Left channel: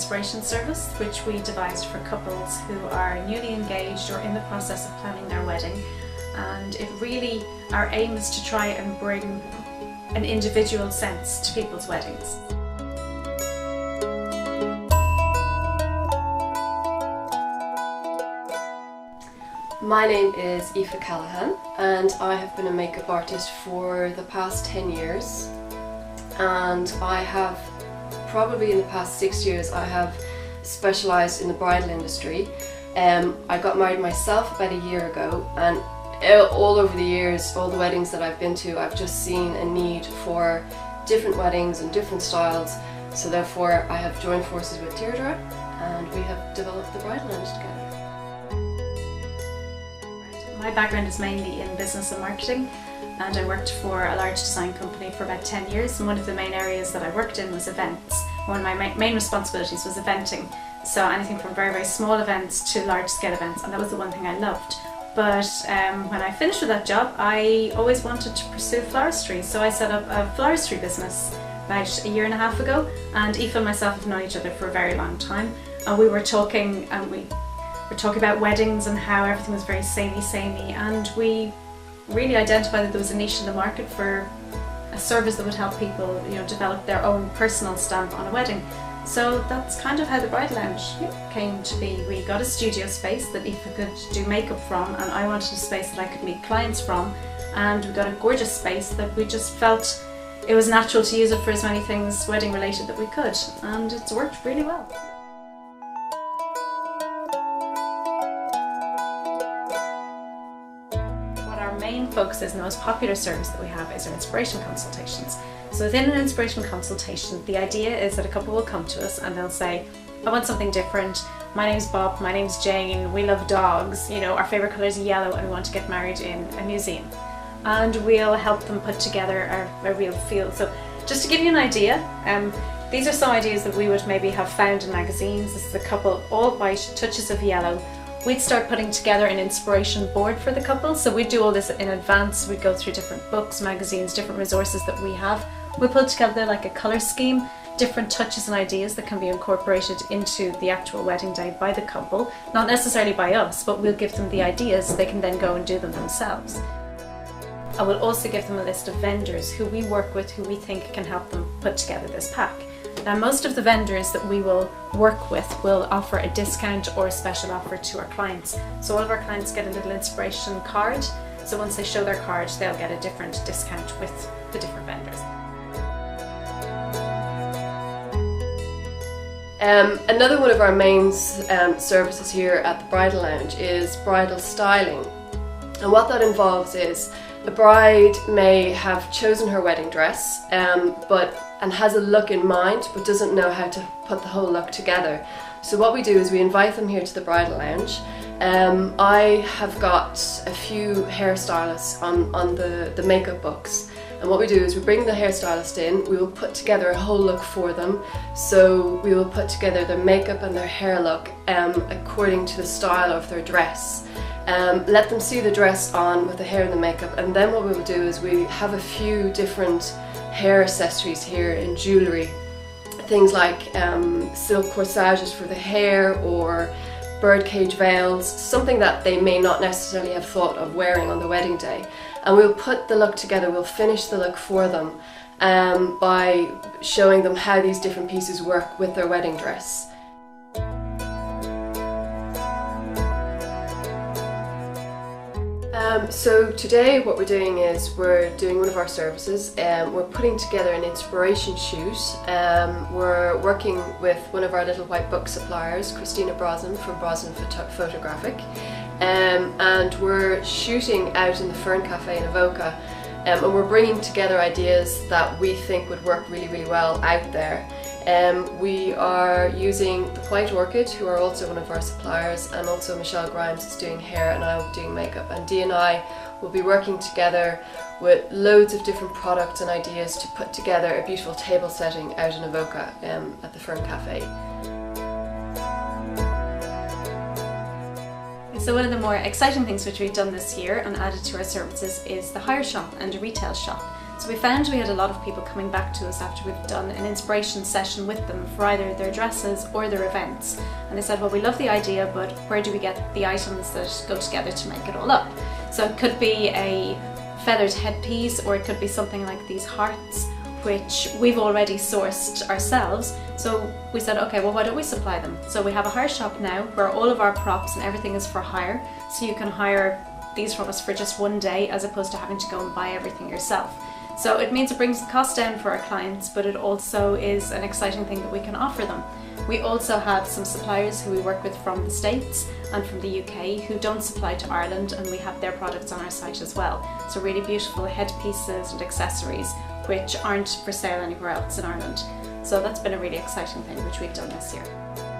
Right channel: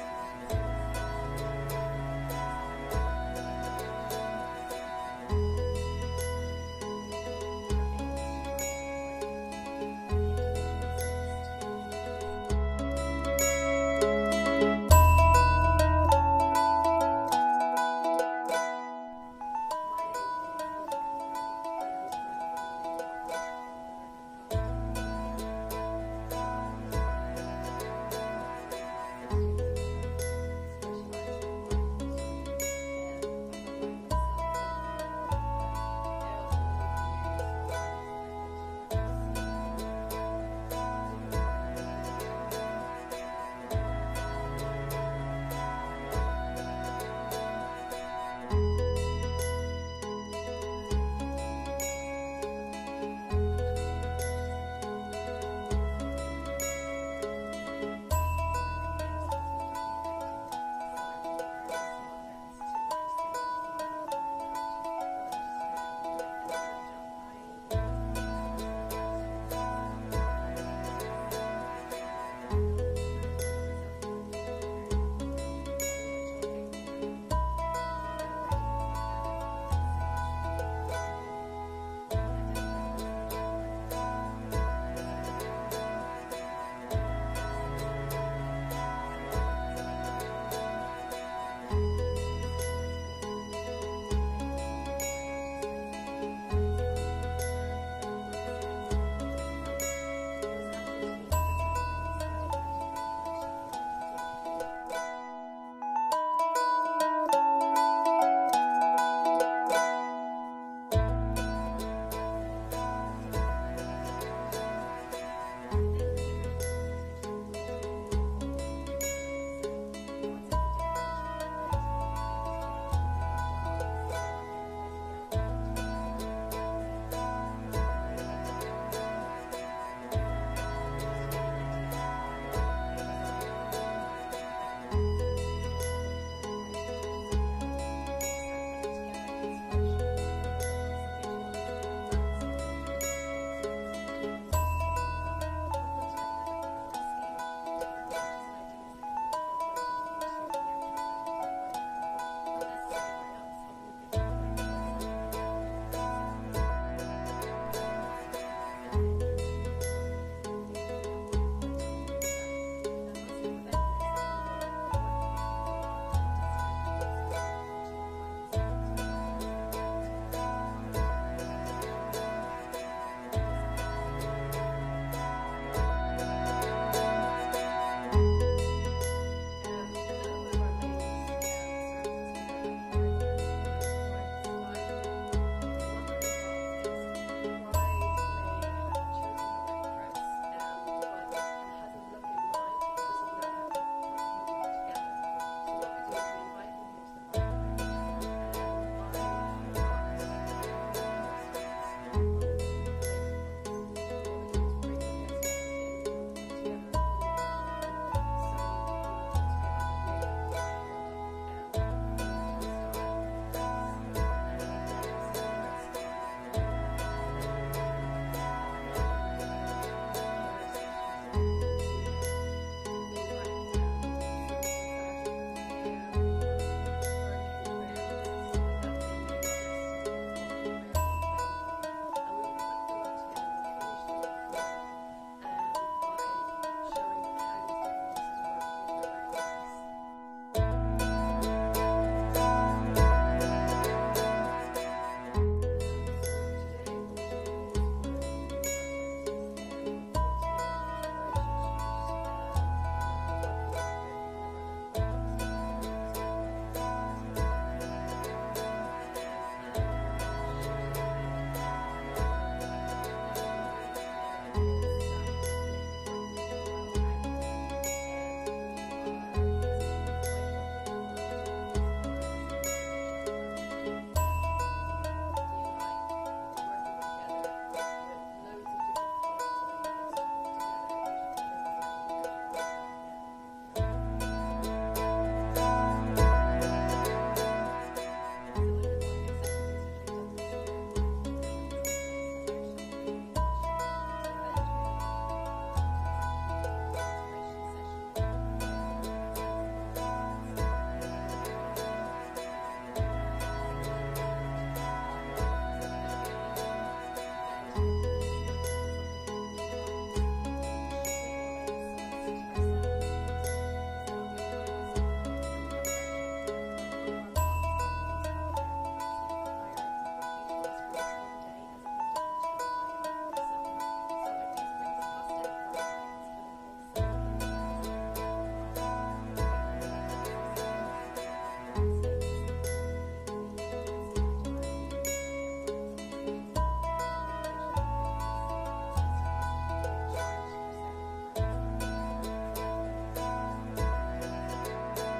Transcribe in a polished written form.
inspiration service which we devised for couples who are newly engaged or in the process of planning their wedding, and it really, our aim is to try and bring an individual sense to people's weddings. My name is Aoife Callahan and I have been a makeup artist for the past 10 years, and I have probably in the past 6 years I have specialised in the bridal industry. I got married myself about a year ago, and all over the years, all the weddings that I've been to, I've just seen a need for different weddings and different styles, so therefore I have joined forces with Deirdre and we have developed the Bridal together. My background is mainly in business and marketing, and I worked for a large design company for about 10 years, and one of the main areas that I worked in was events. One of my main responsibilities was eventing, so anything from very, very small events to large scale events, and that was the one thing I loved. But when I finished with that job, I always wanted to pursue floristry, so I set up a floristry business about a year and a half ago, and Aoife and myself have known each other for a very long time, and we were talking about weddings and how everything was very samey, and we really identified that there was a niche in the market for a service that would help people, develop their own personal stamp on a wedding. So that's kind of how the Bridal Lounge came to be. We got a studio space that Aoife could do makeup from, and I wanted a space that I could meet clients from, and we got a gorgeous space that we just felt it was natural to use it for as many things wedding related that we could, and it's worked really well. Focus is, and the most popular service that we have is our inspiration consultations. So within an inspiration consultation, the idea is that a couple will come to us and they'll say, I want something different, my name's Bob, my name's Jane, we love dogs, our favourite colour is yellow and we want to get married in a museum. And we'll help them put together a real feel. So just to give you an idea, these are some ideas that we would maybe have found in magazines. This is a couple, all white, touches of yellow. We'd start putting together an inspiration board for the couple, so we'd do all this in advance. We'd go through different books, magazines, different resources that we have. We put together like a colour scheme, different touches and ideas that can be incorporated into the actual wedding day by the couple, not necessarily by us, but we'll give them the ideas so they can then go and do them themselves. I will also give them a list of vendors who we work with, who we think can help them put together this pack. Now, most of the vendors that we will work with will offer a discount or a special offer to our clients. So all of our clients get a little inspiration card, so once they show their card they'll get a different discount with the different vendors. Another one of our main services here at the Bridal Lounge is bridal styling, and what that involves is the bride may have chosen her wedding dress and has a look in mind but doesn't know how to put the whole look together. So what we do is we invite them here to the Bridal Lounge. I have got a few hairstylists on the makeup books, and what we do is we bring the hairstylist in, we will put together a whole look for them. So we will put together their makeup and their hair look according to the style of their dress. Let them see the dress on with the hair and the makeup, and then what we will do is we have a few different hair accessories here in jewellery. Things like silk corsages for the hair or birdcage veils, something that they may not necessarily have thought of wearing on the wedding day. And we'll put the look together, we'll finish the look for them by showing them how these different pieces work with their wedding dress. So today what we're doing is we're doing one of our services, we're putting together an inspiration shoot. We're working with one of our little white book suppliers, Christina Brosnan from Brosnan Photographic, and we're shooting out in the Fern Cafe in Avoca, and we're bringing together ideas that we think would work really, really well out there. We are using the White Orchid, who are also one of our suppliers, and also Michelle Grimes is doing hair and I will be doing makeup, and Dee and I will be working together with loads of different products and ideas to put together a beautiful table setting out in Avoca at the Fern Cafe. So one of the more exciting things which we've done this year and added to our services is the hire shop and a retail shop. So we found we had a lot of people coming back to us after we've done an inspiration session with them for either their dresses or their events. And they said, well, we love the idea, but where do we get the items that go together to make it all up? So it could be a feathered headpiece, or it could be something like these hearts, which we've already sourced ourselves. So we said, okay, well, why don't we supply them? So we have a hire shop now where all of our props and everything is for hire. So you can hire these from us for just one day as opposed to having to go and buy everything yourself. So it means it brings the cost down for our clients, but it also is an exciting thing that we can offer them. We also have some suppliers who we work with from the States and from the UK who don't supply to Ireland, and we have their products on our site as well. So really beautiful headpieces and accessories which aren't for sale anywhere else in Ireland. So that's been a really exciting thing which we've done this year.